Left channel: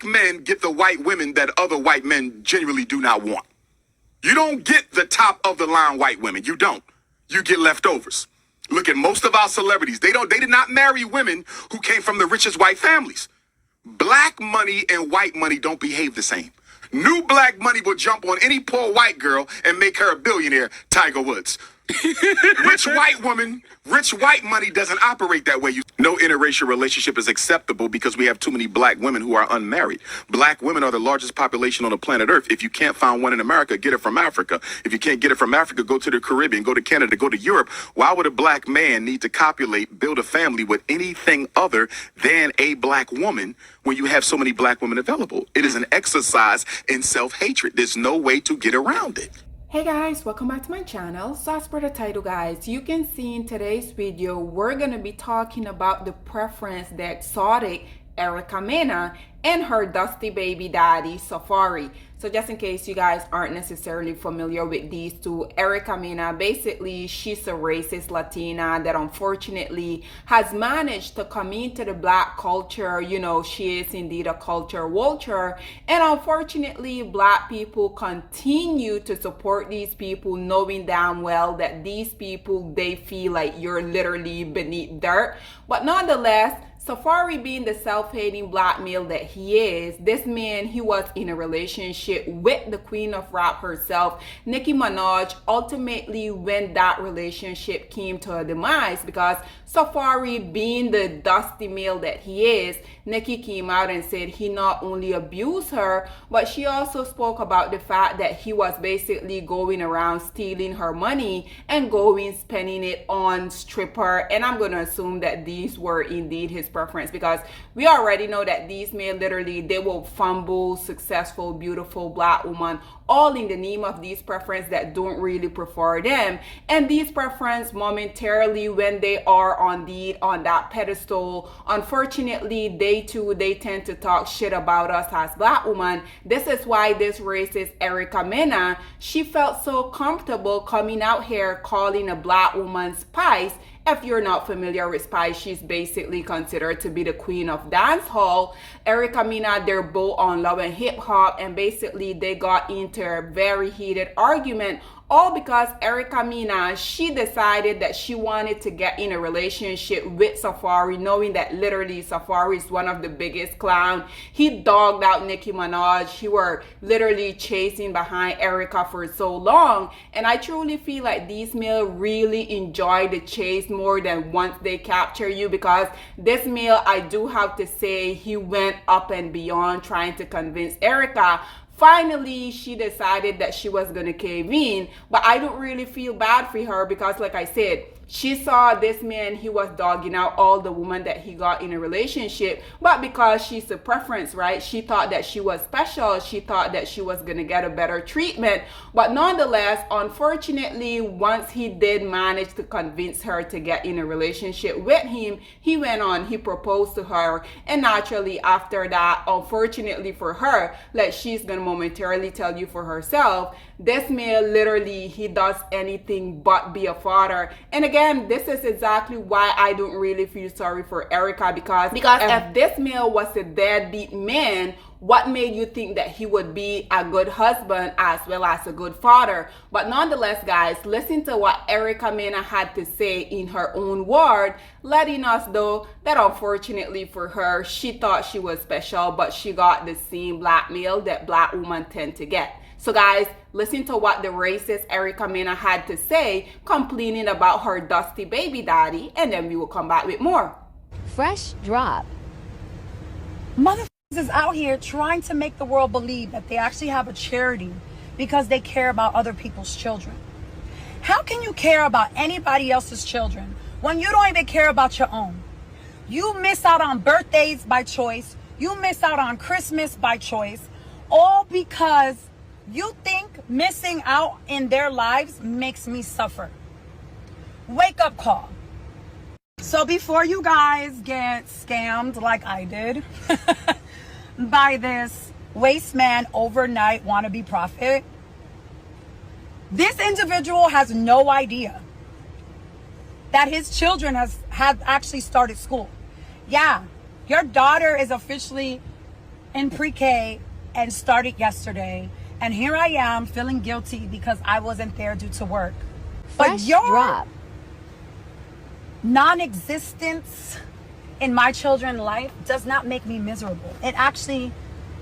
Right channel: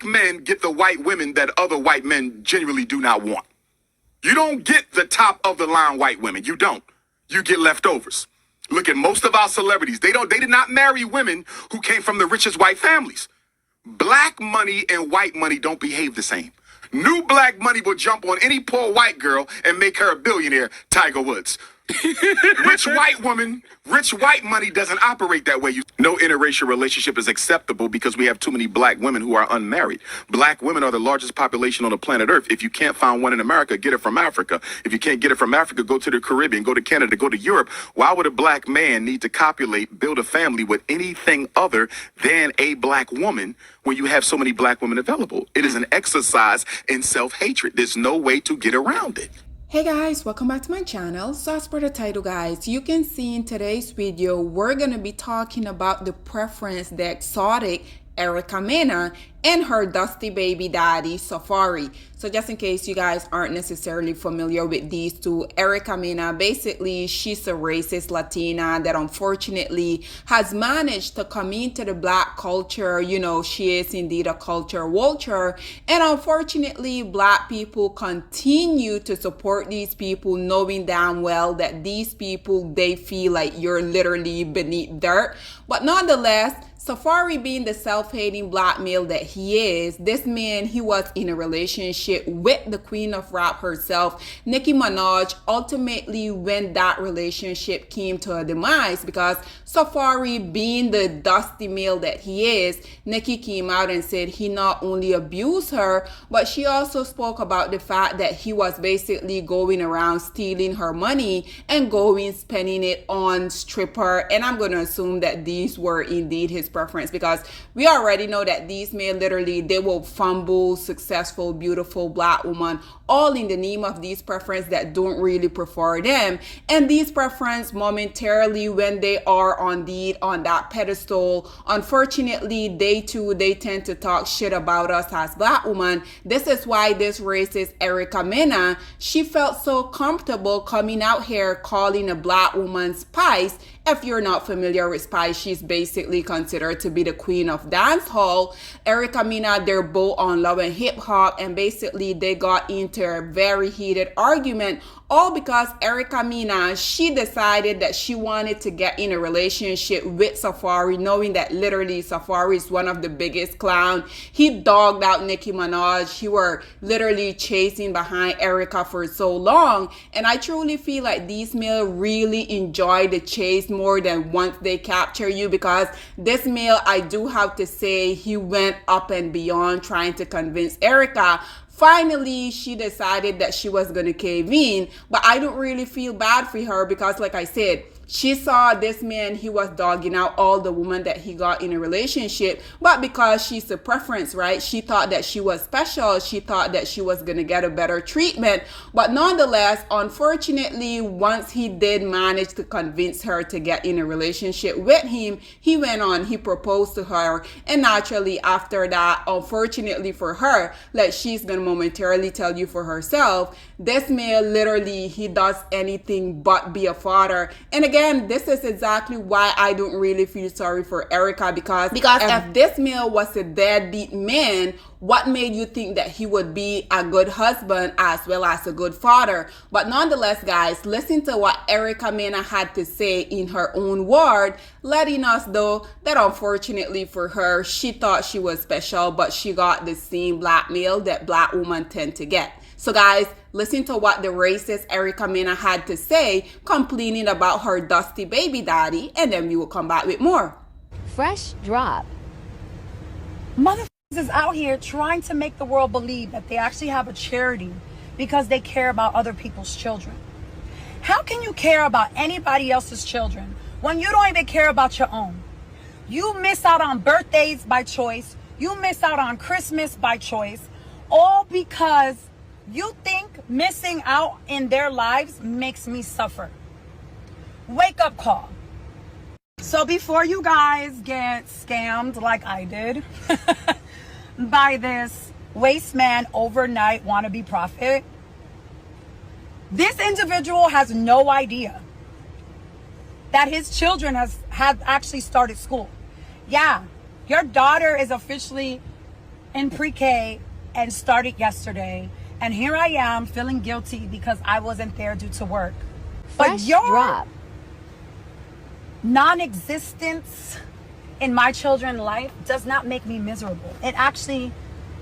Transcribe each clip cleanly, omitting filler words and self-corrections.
Black men get the white women that other white men genuinely do not want. You don't get the top of the line white women. You don't. You get leftovers. Look at most of our celebrities. They did not marry women who came from the richest white families. Black money and white money don't behave the same. New black money will jump on any poor white girl and make her a billionaire, Tiger Woods. Rich white woman, rich white money doesn't operate that way. No interracial relationship is acceptable because we have too many black women who are unmarried. Black women are the largest population on the planet Earth. If you can't find one in America, get it from Africa. If you can't get it from Africa, go to the Caribbean, go to Canada, go to Europe. Why would a black man need to copulate, build a family with anything other than a black woman when you have so many black women available? It is an exercise in self-hatred. There's no way to get around it. Hey guys, welcome back to my channel. So as per the title guys, you can see in today's video, we're going to be talking about the preference the exotic Mena and her dusty baby daddy Safaree. So just in case you guys aren't necessarily familiar with these two, Mena, basically she's a racist Latina that unfortunately has managed to come into the black culture. You know, she is indeed a culture vulture, and unfortunately black people continue to support these people, knowing damn well that these people, they feel like you're literally beneath dirt. But nonetheless, Safaree, being the self-hating black male that he is, this man, he was in a relationship with the queen of rap herself, Nicki Minaj. Ultimately, when that relationship came to a demise, because Safaree, being the dusty male that he is, Nicki came out and said he not only abused her, but she also spoke about the fact that he was basically going around stealing her money and going spending it on stripper. And I'm going to assume that these were indeed his preference, because we already know that these men literally, they will fumble successful, beautiful black woman, all in the name of these preference that don't really prefer them. And these preference momentarily, when they are on that pedestal, unfortunately they tend to talk shit about us as black women. This is why this racist Mena, she felt so comfortable coming out here calling a black woman Spice. If you're not familiar with Spice, she's basically considered to be the queen of dance hall. Mena, they're both on Love and Hip Hop, and basically they got into a very heated argument, all because Mena, she decided that she wanted to get in a relationship with Safaree, knowing that literally Safaree is one of the biggest clowns. He dogged out Nicki Minaj. He were literally chasing behind Erica for so long. And I truly feel like these male really enjoy the chase more than once they capture you, because this male, I do have to say, he went up and beyond trying to convince Erica. Finally, she decided that she was going to cave in, but I don't really feel bad for her, because like I said, she saw this man, he was dogging out all the women that he got in a relationship, but because she's a preference, right? She thought that she was special. She thought that she was going to get a better treatment. But nonetheless, unfortunately, once he did manage to convince her to get in a relationship with him, he went on, he proposed to her. And naturally after that, unfortunately for her, like she's going to momentarily tell you for herself, this male literally, he does anything but be a father. And again, this is exactly why I don't really feel sorry for Erica, because if this male was a deadbeat man, what made you think that he would be a good husband as well as a good father? But nonetheless, guys, listen to what Mena had to say in her own word, letting us know that unfortunately for her, she thought she was special, but she got the same blackmail that black women tend to get. So guys, listen to what the racist Mena had to say, complaining about her dusty baby daddy, and then we will come back with more. Fresh drop. Motherfuckers is out here trying to make the world believe that they actually have a charity because they care about other people's children. How can you care about anybody else's children when you don't even care about your own? You miss out on birthdays by choice. You miss out on Christmas by choice, all because you think missing out in their lives makes me suffer. Wake up call. So before you guys get scammed like I did by this waste man overnight wannabe prophet, this individual has no idea that his children have actually started school. Yeah, your daughter is officially in pre-K and started yesterday. And here I am feeling guilty because I wasn't there due to work. But Fresh your drop. non-existence in my children's life does not make me miserable. It actually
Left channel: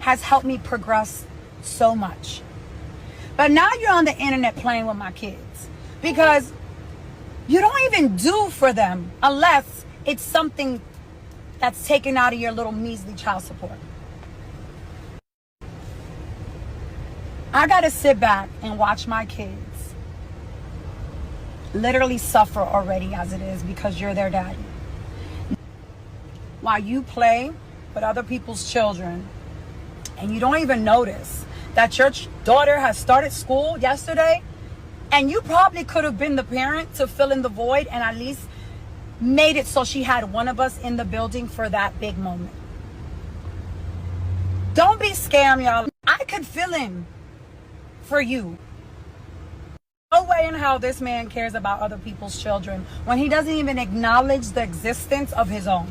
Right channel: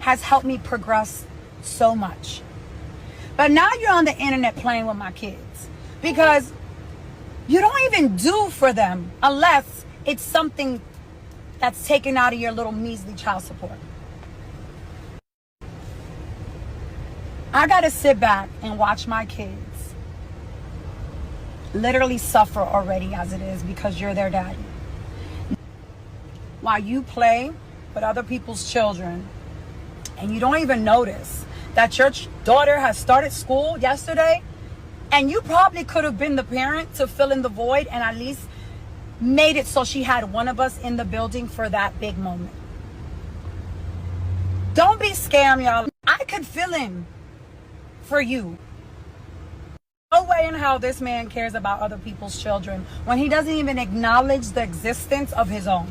has helped me progress so much. But now you're on the internet playing with my kids because you don't even do for them unless it's something that's taken out of your little measly child support. I gotta sit back and watch my kids literally suffer already as it is because you're their daddy. While you play with other people's children and you don't even notice that your daughter has started school yesterday, and you probably could have been the parent to fill in the void and at least made it so she had one of us in the building for that big moment. Don't be scammed, y'all. I could fill in for you. No way in how this man cares about other people's children when he doesn't even acknowledge the existence of his own.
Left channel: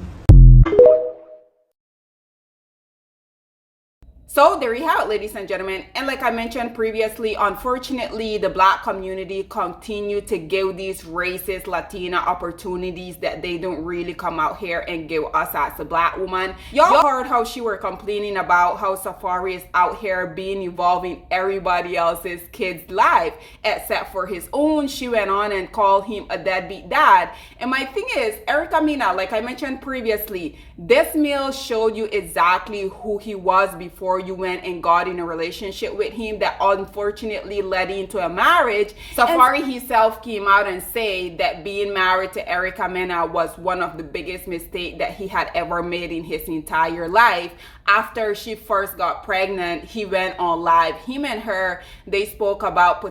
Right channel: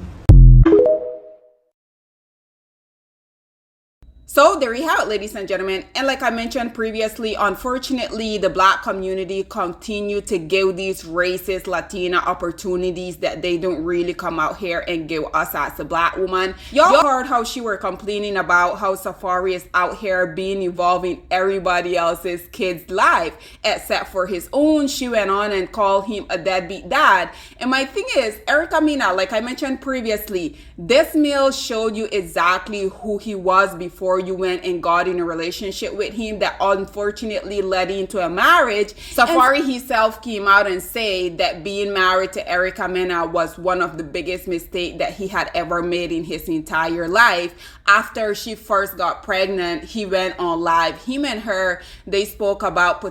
So there you have it, ladies and gentlemen. And like I mentioned previously, unfortunately, the Black community continue to give these racist Latina opportunities that they don't really come out here and give us as a Black woman. Y'all heard how she were complaining about how Safaree is out here being involved in everybody else's kid's life except for his own. She went on and called him a deadbeat dad. And my thing is, Mena, like I mentioned previously, this male showed you exactly who he was before you went and got in a relationship with him that unfortunately led into a marriage. Safaree himself came out and said that being married to Mena was one of the biggest mistakes that he had ever made in his entire life. After she first got pregnant, he went on live. Him and her, they spoke about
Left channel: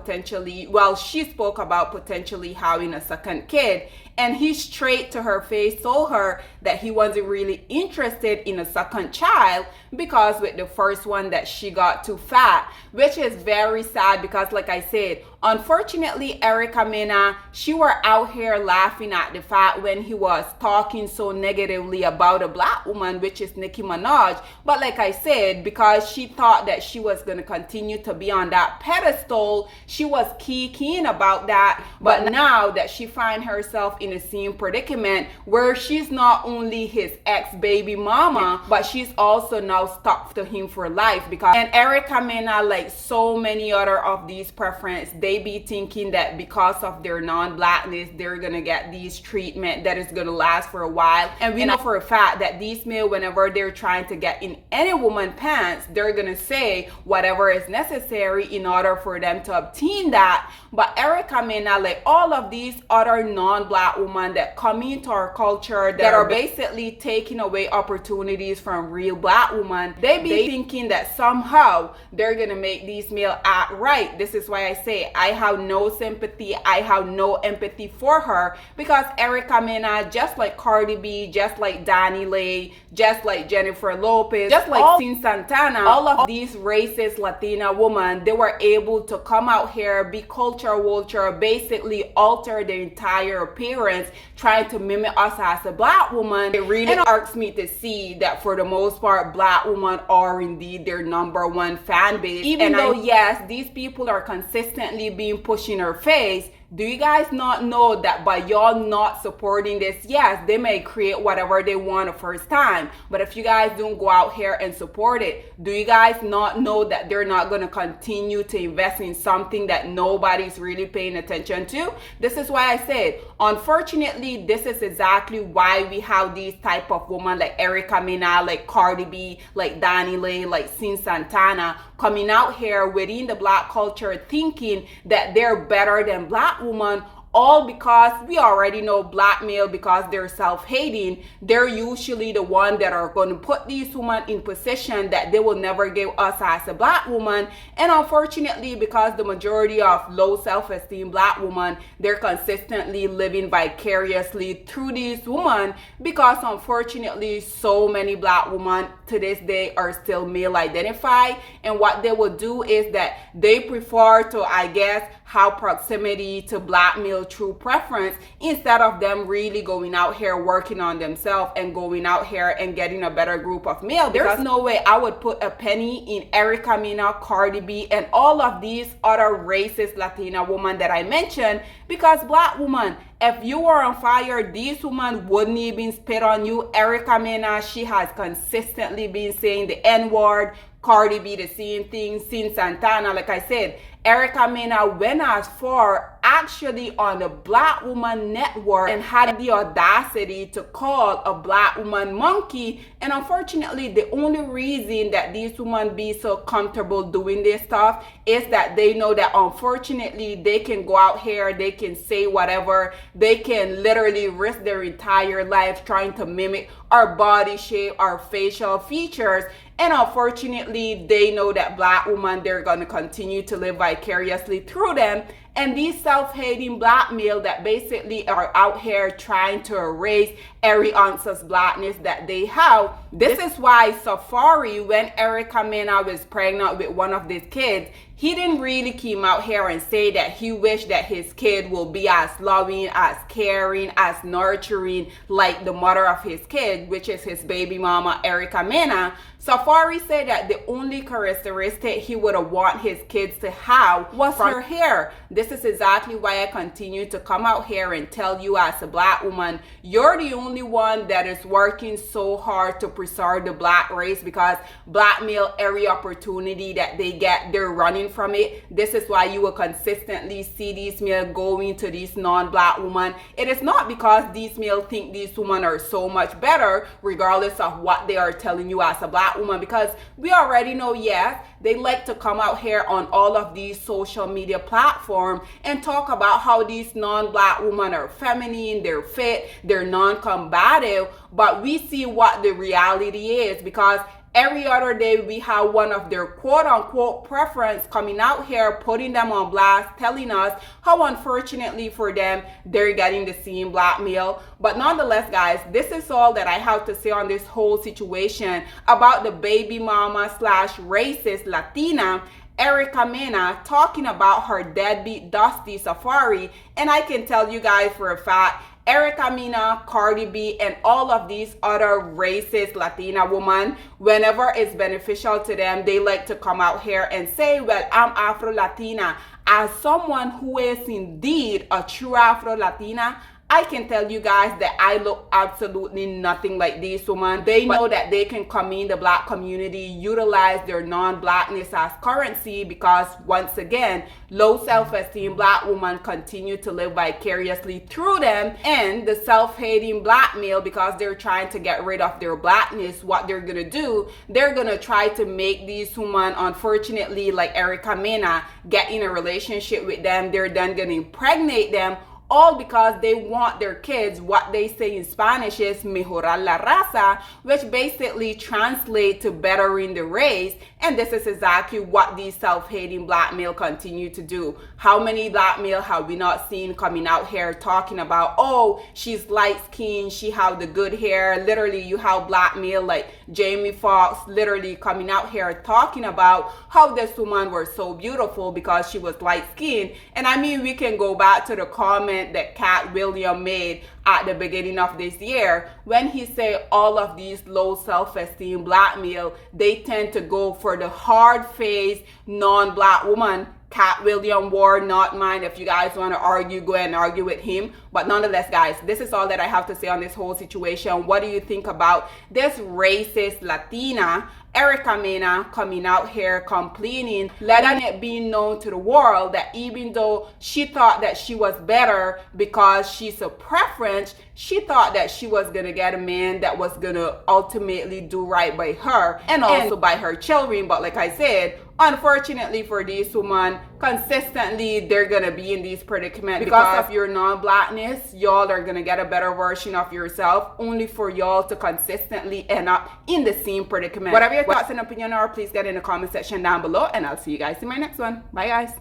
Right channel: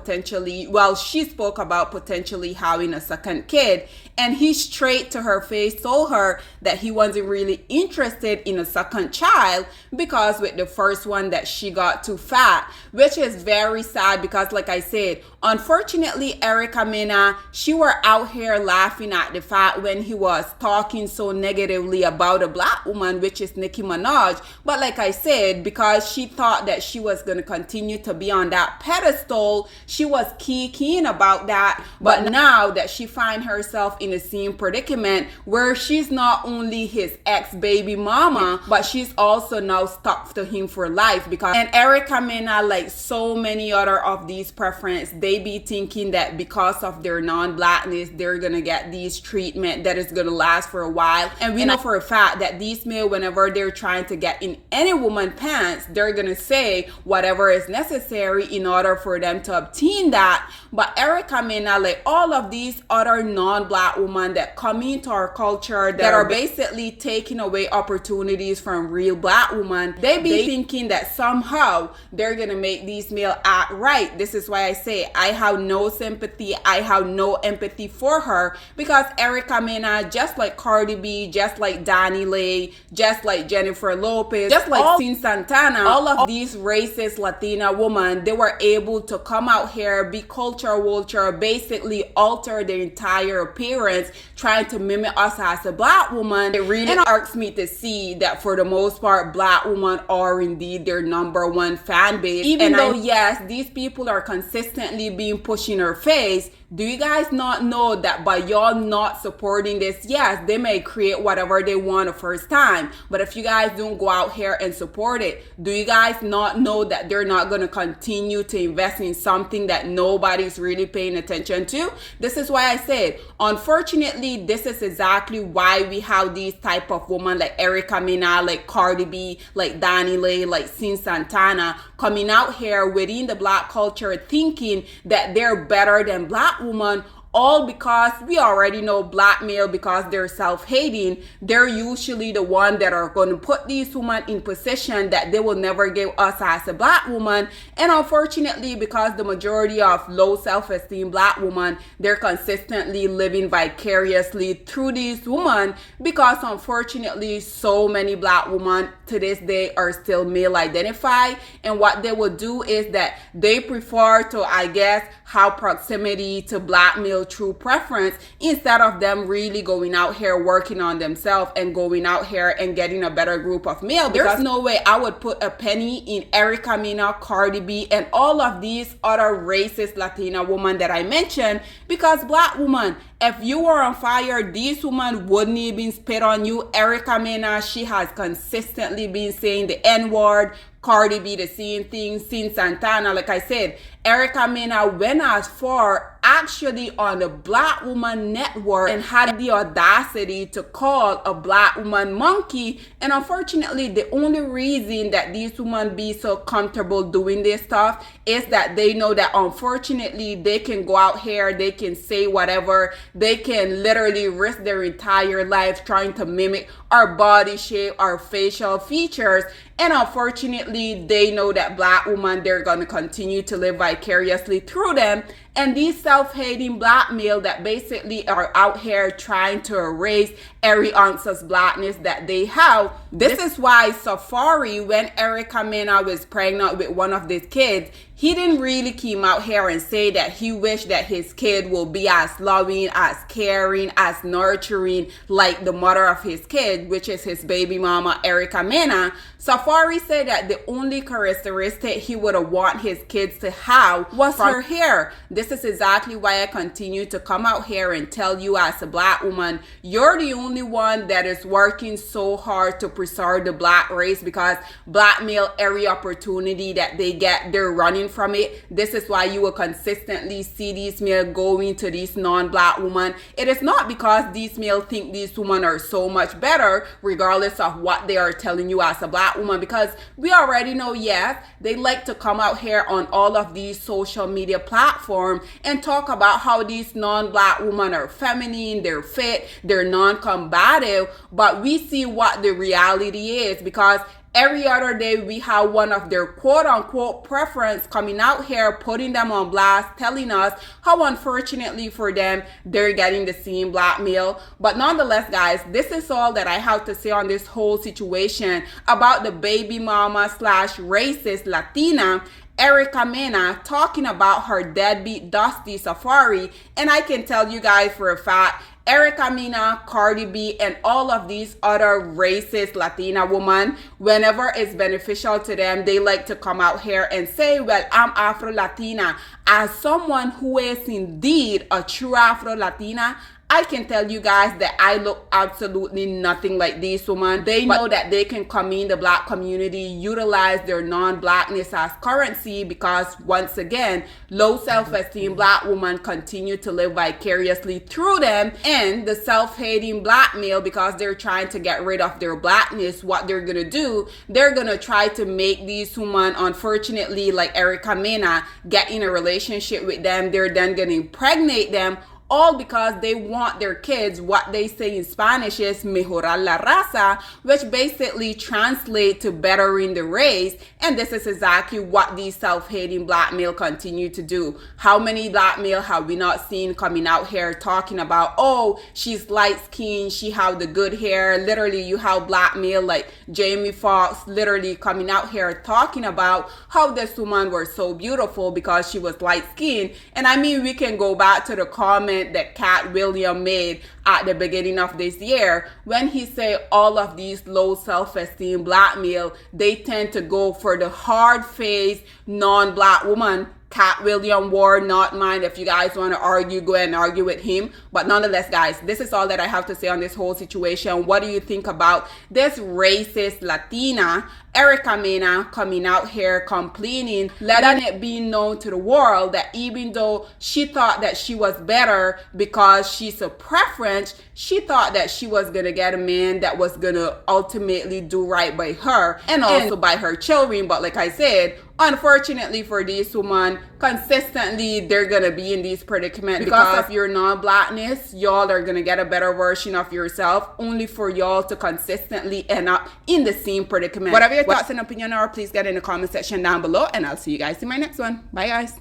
she spoke about potentially having a second kid. And he straight to her face told her that he wasn't really interested in a second child because with the first one that she got too fat, which is very sad because like I said, unfortunately, Mena, she were out here laughing at the fact when he was talking so negatively about a Black woman, which is Nicki Minaj. But like I said, because she thought that she was going to continue to be on that pedestal, she was keen about that. But now that she find herself in the same predicament where she's not only his ex-baby mama, but she's also now stuck to him for life. Because and Mena, like so many other of these preference, they be thinking that because of their non-Blackness, they're gonna get these treatment that is gonna last for a while. And we know for a fact that these male, whenever they're trying to get in any woman pants, they're gonna say whatever is necessary in order for them to obtain that. But Mena, like all of these other non-Black women that come into our culture that are basically taking away opportunities from real Black women, they be thinking that somehow they're gonna make these male act right. This is why I say I have no sympathy, I have no empathy for her, because Mena, just like Cardi B, just like Danny Lay, just like Jennifer Lopez, just like Sin Santana, all of these racist Latina women, they were able to come out here, be culture vulture, basically alter their entire appearance, trying to mimic us as a Black woman. It really irks me to see that for the most part, Black women are indeed their number one fan base. Even though, yes, these people are consistently being pushed in her face, do you guys not know that by y'all not supporting this, yes, they may create whatever they want the first time, but if you guys don't go out here and support it, do you guys not know that they're not going to continue to invest in something that nobody's really paying attention to? This is why I said, unfortunately, this is exactly why we have these type of women like Mena, like Cardi B, like Danny Lay, like Sin Santana, coming out here within the Black culture thinking that they're better than Black women, all because we already know Black male, because they're self-hating, they're usually the one that are going to put these women in position that they will never give us as a Black woman. And unfortunately, because the majority of low self-esteem Black women, they're consistently living vicariously through these women, because unfortunately so many Black women to this day are still male identified, and what they will do is that they prefer to, I guess, how proximity to blackmail through preference, instead of them really going out here working on themselves and going out here and getting a better group of male. There's no way I would put a penny in Erica Mena, Cardi B, and all of these other racist Latina women that I mentioned, because black woman, if you were on fire, these women wouldn't even spit on you. Erica Mena, she has consistently been saying the N-word. Cardi B, the same thing. Sin Santana, like I said, Erica Mena went as far actually on the Black Woman Network and had the audacity to call a black woman monkey. And unfortunately, the only reason that these women be so comfortable doing this stuff is that they know that unfortunately they can go out here, they can say whatever, they can literally risk their entire life trying to mimic our body shape, our facial features. And unfortunately, they know that black women, they're going to continue to live vicariously through them. And these self-hating black male that basically are out here trying to erase every ounce of blackness that they have. This is why Safaree, when Erica Mena was pregnant with one of these kids, he didn't really come out here and say that he wished that his kid will be as loving, as caring, as nurturing like the mother of his kid, which is his baby mama, Erica Mena. Safaree said that the only characteristic he would have want his kids to have was her hair. This is exactly why I continue to come out here and tell you as a black woman, you're the only one that is working so hard to preserve the black race, because black male, every opportunity that they get, they're running from it. This is why you will consistently see these male going to these non-black women. It is not because these male think these women are so much better, regardless of what they are telling you as a black woman, because we already know, yes, they like to come out here on all of these social media platforms and talk about how these non-black women are feminine, they're fit, they're non-combative, but we see what the reality is, because every other day we have one of their quote-unquote preference coming out here, putting them on blast, telling us how unfortunately for them, they're getting the same blackmail. But nonetheless, guys, this is all that I have to say on this whole situation about the baby mama / racist Latina Erica Mena talking about her deadbeat Dusty Safaree. And I can tell you guys for a fact, Erica Mena, Cardi B, and all of these other racist Latina women, whenever it's beneficial to them, they like to come out here and say, well, I'm Afro-Latina. As someone who is indeed a true Afro-Latina, I can tell you guys that I look absolutely nothing like these women. They know that they can come in the black community, utilize their non-blackness as currency, because once again, low self-esteem black women continue to live vicariously through them. And the self-hating black male, because they're trying to get rid of their blackness, what they're gonna do, they're gonna try to make these women, unfortunately, like Erica Mena, get in a relationship with them. They're then gonna impregnate them, all because they want their kids, what they say in Spanish is mejorar la raza, which basically translates to bettering the race. And this is exactly what these self-hating black male continue to do. How many black male have we not seen coming out here talking about, oh, she's light skinned, she have the good hair. Literally, you have black male like Jamie Foxx literally coming out here talking about how this woman was so beautiful because she was light skinned. And I mean, we can go back to the comment that Cat William made at the beginning of this year when he said all of these low self-esteem black male, they tend to go for the hard-faced non-black woman. Cat William Ward, not mine. If you guys want to argue, go ahead and argue with him. But nonetheless, guys, this is all that I have to say on this whole situation. What do you think about this racist Latina, Erica Mena, coming out here complaining, letting it be known to the world that even though she thought that she was better because she's a preference, she thought that she was going to get a man that was going to ultimately do right by her and also by her children. But like I said, unfortunately for these women, consistently they're gonna be in these predicaments because of your non-blackness. Y'all are gonna get a better version of yourself, only for y'all to consistently end up in the same predicament. Whatever your thoughts and opinion are, please get in the comment section down below, and I'll see you guys in my next one. Bye, guys.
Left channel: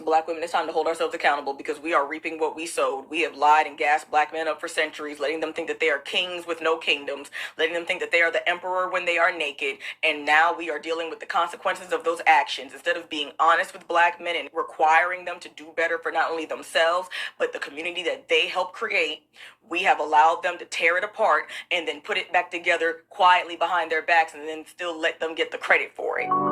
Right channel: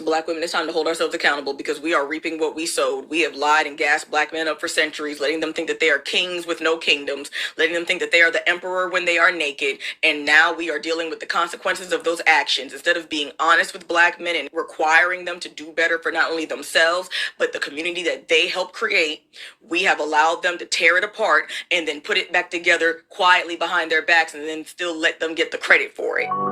Black women, it's time to hold ourselves accountable because we are reaping what we sowed. We have lied and gassed black men up for centuries, letting them think that they are kings with no kingdoms, letting them think that they are the emperor when they are naked. And now we are dealing with the consequences of those actions. Instead of being honest with black men and requiring them to do better for not only themselves, but the community that they helped create, we have allowed them to tear it apart and then put it back together quietly behind their backs and then still let them get the credit for it.